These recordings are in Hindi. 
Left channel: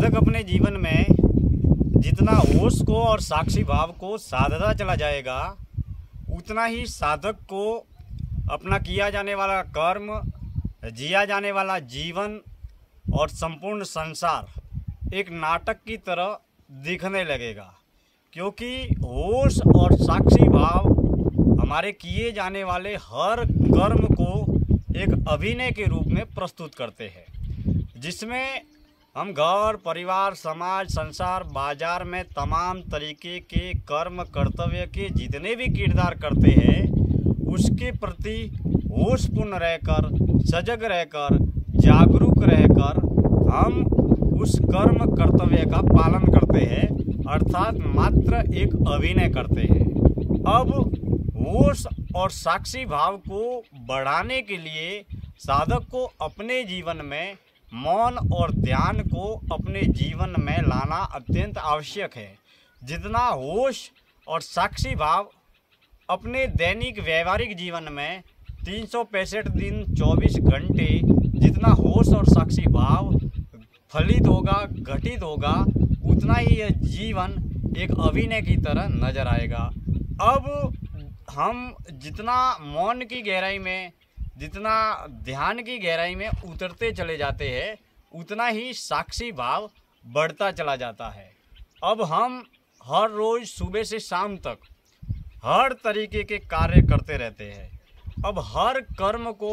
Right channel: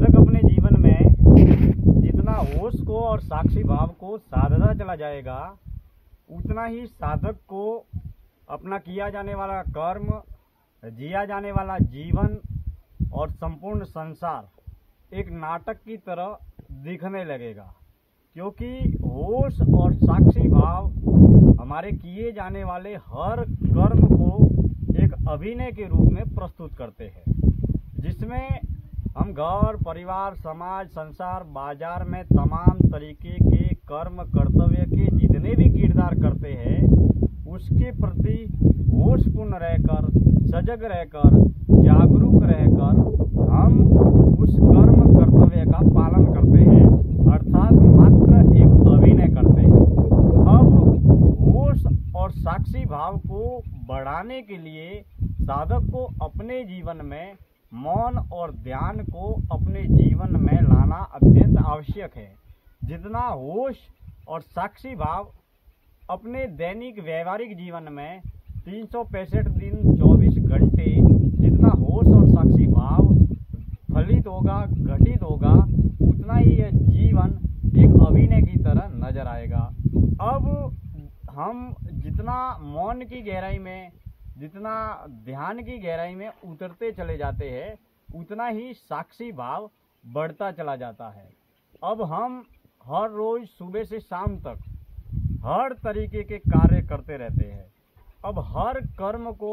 साधक अपने जीवन में जितना होश को और साक्षी भाव को साधता चला जाएगा, उतना ही साधक को अपना किया जाने वाला कर्म, जिया जाने वाला जीवन और संपूर्ण संसार एक नाटक की तरह दिखने लगेगा। क्योंकि होश और साक्षी भाव हमारे किए जाने वाले हर कर्म को एक अभिनय के रूप में प्रस्तुत करते हैं, जिसमें हम घर, परिवार, समाज, संसार, बाजार में तमाम तरीके के कर्म, कर्तव्य के जितने भी किरदार करते हैं, उसके प्रति होशपूर्ण रहकर, सजग रहकर, जागरूक रहकर हम उस कर्म कर्तव्य का पालन करते हैं, अर्थात मात्र एक अभिनय करते हैं। अब होश और साक्षी भाव को बढ़ाने के लिए साधक को अपने जीवन में मौन और ध्यान को अपने जीवन में लाना अत्यंत आवश्यक है। जितना होश और साक्षी भाव अपने दैनिक व्यवहारिक जीवन में 365 दिन 24 घंटे जितना होश और साक्षी भाव फलित होगा, घटित होगा, उतना ही यह जीवन एक अभिनय की तरह नजर आएगा। अब हम जितना मौन की गहराई में, जितना ध्यान की गहराई में उतरते चले जाते हैं, उतना ही साक्षी भाव बढ़ता चला जाता है। अब हम हर रोज़ सुबह से शाम तक हर तरीके के कार्य करते रहते हैं। अब हर कर्म को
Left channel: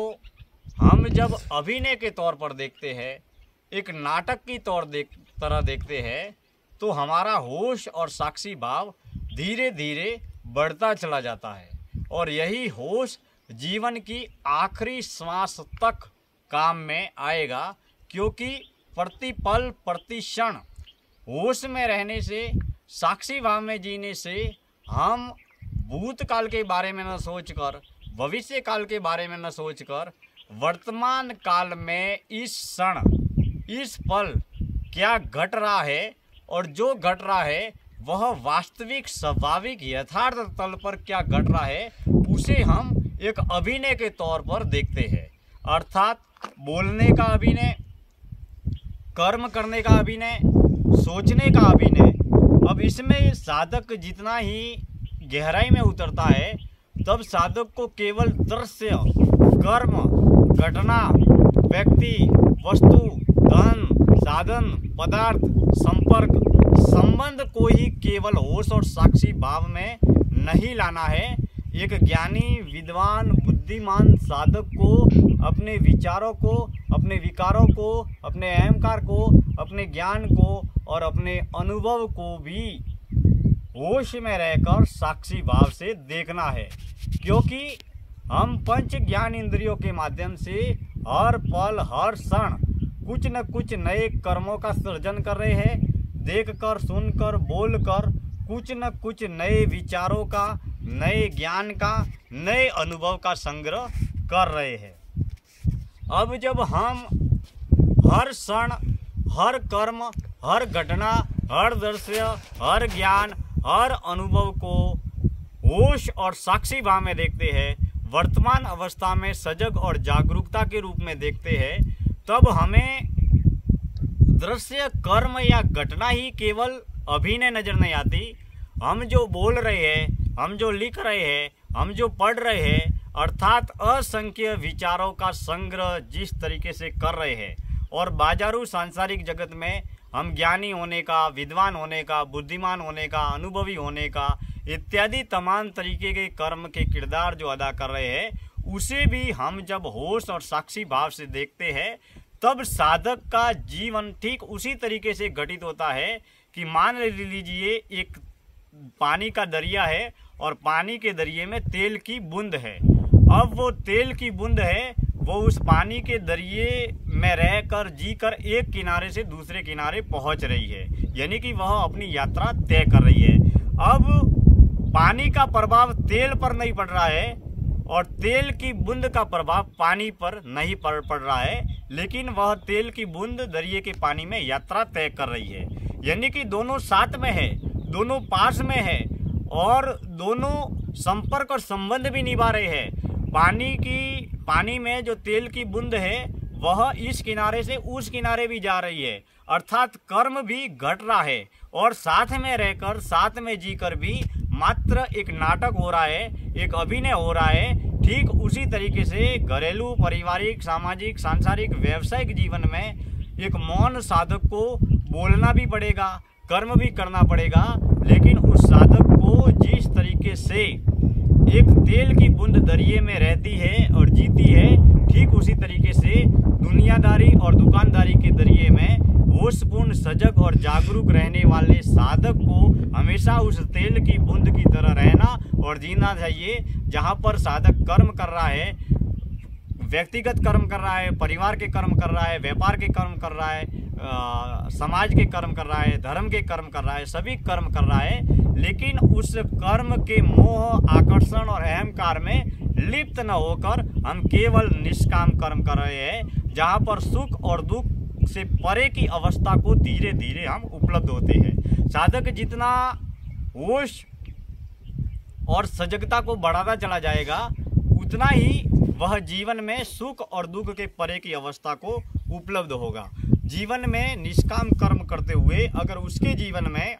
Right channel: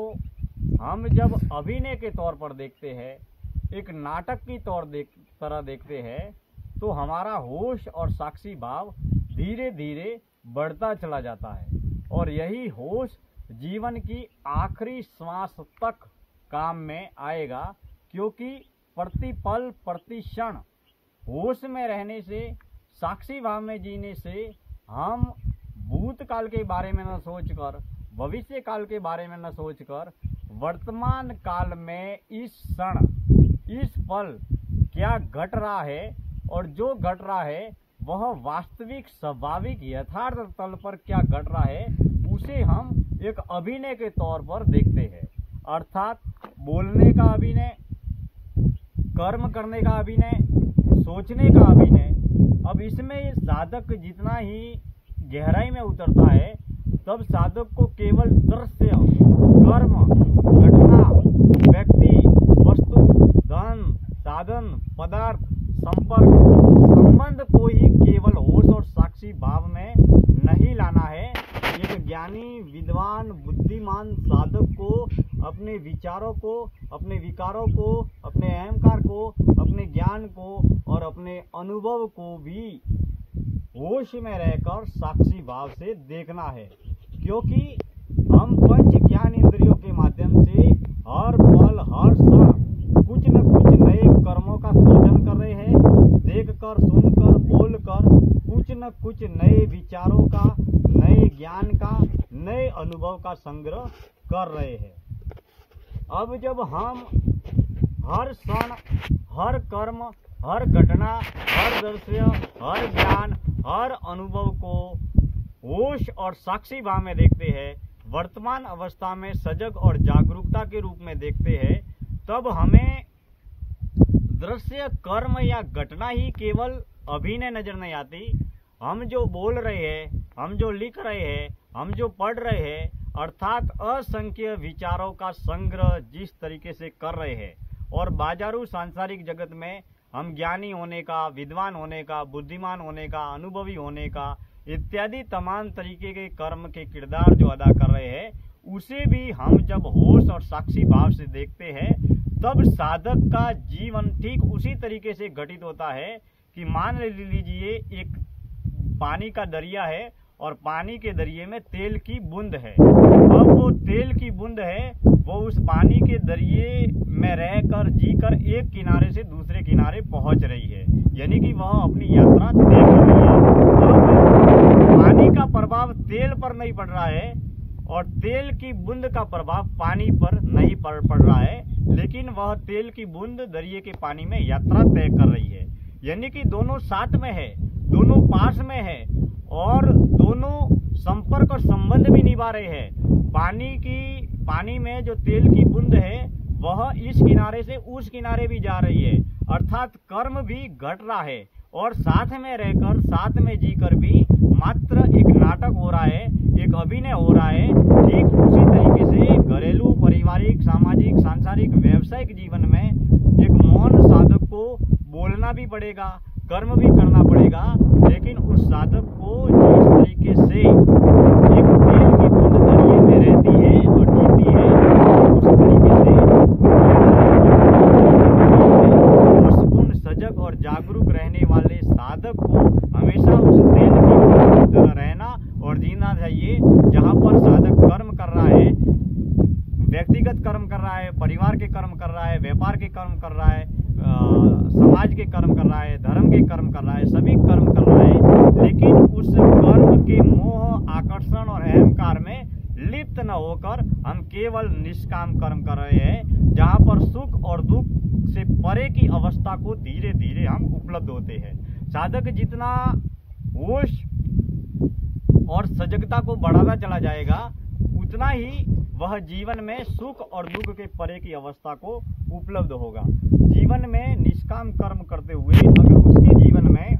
हम जब अभिनय के तौर पर देखते हैं, एक नाटक की तरह देखते हैं, तो हमारा होश और साक्षी भाव धीरे धीरे बढ़ता चला जाता है। और यही होश जीवन की आखिरी श्वास तक काम में आएगा, क्योंकि प्रति पल प्रति क्षण होश में रहने से, साक्षी भाव में जीने से हम भूतकाल के बारे में न सोचकर, भविष्य काल के बारे में न सोचकर, वर्तमान काल में इस क्षण, इस पल क्या घट रहा है और जो घट रहा है वह वास्तविक, स्वाभाविक, यथार्थ तल पर क्या घट रहा है, उसे हम एक अभिनय के तौर पर देखते हैं। अर्थात बोलने का अभिनय, कर्म करने का अभिनय, सोचने का अभिनय। अब इसमें साधक जितना ही गहराई में उतरता है, तब साधक को केवल दृश्य, कर्म, घटना, व्यक्ति, वस्तु, धन, साधन, पदार्थ, संपर्क, संबंध को ही केवल होश और साक्षी भाव में नहीं लाना है। एक ज्ञानी, विद्वान, बुद्धिमान साधक को अपने विचारों को, अपने विकारों को, अपने अहंकार को, अपने ज्ञान को और अपने अनुभव को भी होश में रहकर साक्षी भाव से देखना है। क्योंकि हम पंच ज्ञान इंद्रियों के माध्यम से हर पल, हर क्षण कुछ न कुछ नए कर्मों का सृजन कर रहे हैं। देखकर, सुनकर, बोलकर कुछ न कुछ नए विचारों का, नए ज्ञान का, नए अनुभव का संग्रह कर रहे हैं। अब जब हम हर क्षण, हर कर्म, हर घटना, हर दृश्य, हर ज्ञान, हर अनुभव को होश और साक्षी भाव में देखते हैं, वर्तमान अवस्था में सजग और जागरूकता के रूप में देखते हैं, तब हमें दृश्य, कर्म या घटना ही केवल अभिनय नजर नहीं आती। हम जो बोल रहे हैं, हम जो लिख रहे हैं, हम जो पढ़ रहे हैं, अर्थात असंख्य विचारों का संग्रह जिस तरीके से कर रहे हैं, और बाजारू सांसारिक जगत में हम ज्ञानी होने का, विद्वान होने का, बुद्धिमान होने का, अनुभवी होने का इत्यादि तमाम तरीके के कर्म के किरदार जो अदा कर रहे हैं, उसे भी हम जब होश और साक्षी भाव से देखते हैं, तब साधक का जीवन ठीक उसी तरीके से घटित होता है कि मान लीजिए एक पानी का दरिया है और पानी के दरिये में तेल की बूंद है। अब वो तेल की बूंद है, वो उस पानी के दरिये में रहकर, जीकर एक किनारे से दूसरे किनारे पहुंच रही है, यानी कि वह अपनी यात्रा तय कर रही है। अब पानी का प्रभाव तेल पर नहीं पड़ रहा है और तेल की बूंद का प्रभाव पानी पर नहीं पड़ रहा है, लेकिन वह तेल की बूंद दरिये के पानी में यात्रा तय कर रही है। यानी कि दोनों साथ में है, दोनों पास में है और दोनों संपर्क और संबंध भी निभा रहे हैं। पानी में जो तेल की बूंद है वह इस किनारे से उस किनारे भी जा रही है अर्थात कर्म भी घट रहा है और साथ में रहकर, साथ में जीकर भी मात्र एक नाटक हो रहा है, एक अभिनय हो रहा है। ठीक उसी तरीके से घरेलू, पारिवारिक, सामाजिक, सांसारिक, व्यावसायिक जीवन में एक मौन साधक को बोलना भी पड़ेगा, कर्म भी करना पड़ेगा, लेकिन उस साधक को जिस तरीके से एक तेल की बूंद दरिये में रहती है और जीती है, ठीक उसी तरीके से दुनियादारी और दुकानदारी के दरिये में होशपूर्ण, सजग और जागरूक रहने वाले साधक को हमेशा उस तेल की बूंद की तरह रहना और जीना चाहिए। जहाँ पर साधक कर्म कर रहा है, व्यक्तिगत कर्म कर रहा है, परिवार के कर्म कर रहा है, व्यापार के कर्म कर रहा है, समाज के कर्म कर रहा है, धर्म के कर्म कर रहा है, सभी कर्म कर रहा है, लेकिन उस कर्म के मोह, आकर्षण और अहंकार में लिप्त न होकर हम केवल निष्काम कर्म कर रहे हैं, जहाँ पर सुख और दुख से परे की अवस्था को धीरे धीरे हम उपलब्ध होते हैं। साधक जितना होश और सजगता को बढ़ाता चला जाएगा, उतना ही वह जीवन में सुख और दुख के परे की अवस्था को उपलब्ध होगा। जीवन में निष्काम कर्म करते हुए अगर उसके जीवन में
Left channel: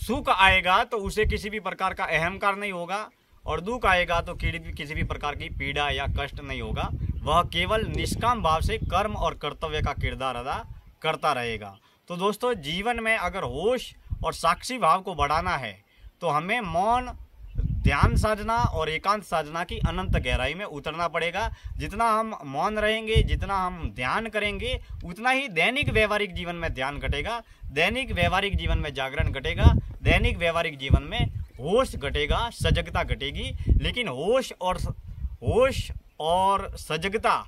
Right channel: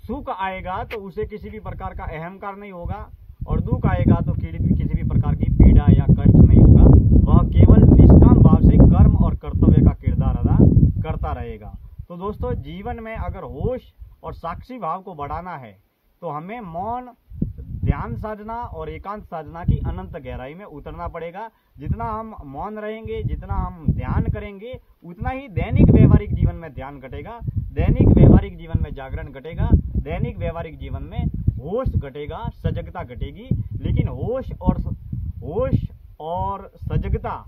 सुख आएगा तो उसे किसी भी प्रकार का अहंकार नहीं होगा, और दुख आएगा तो किसी भी प्रकार की पीड़ा या कष्ट नहीं होगा। वह केवल निष्काम भाव से कर्म और कर्तव्य का किरदार अदा करता रहेगा। तो दोस्तों, जीवन में अगर होश और साक्षी भाव को बढ़ाना है तो हमें मौन, ध्यान साधना और एकांत साधना की अनंत गहराई में उतरना पड़ेगा। जितना हम मौन रहेंगे, जितना हम ध्यान करेंगे, उतना ही दैनिक व्यवहारिक जीवन में ध्यान घटेगा, दैनिक व्यवहारिक जीवन में जागरण घटेगा, दैनिक व्यवहारिक जीवन में होश घटेगा, सजगता घटेगी। लेकिन होश और सजगता,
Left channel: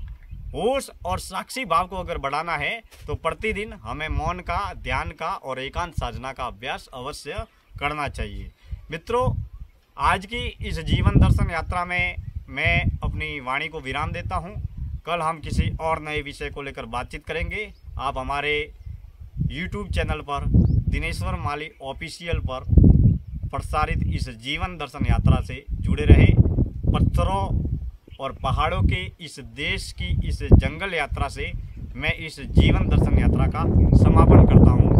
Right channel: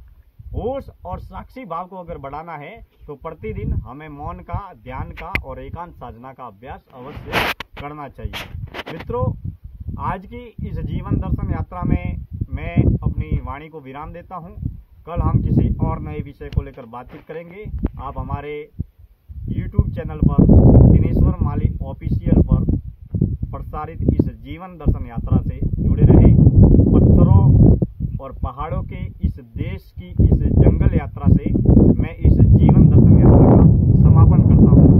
होश और साक्षी भाव को अगर बढ़ाना है तो प्रतिदिन हमें मौन का, ध्यान का और एकांत साधना का अभ्यास अवश्य करना चाहिए। मित्रों, आज की इस जीवन दर्शन यात्रा में मैं अपनी वाणी को विराम देता हूं। कल हम किसी और नए विषय को लेकर बातचीत करेंगे। आप हमारे YouTube चैनल पर दिनेश्वर माली ऑफिशियल पर प्रसारित इस जीवन दर्शन यात्रा से जुड़े रहे। पत्थरों और पहाड़ों के इस देश की इस जंगल यात्रा से मैं इस जीवन दर्शन यात्रा का समापन करता हूं।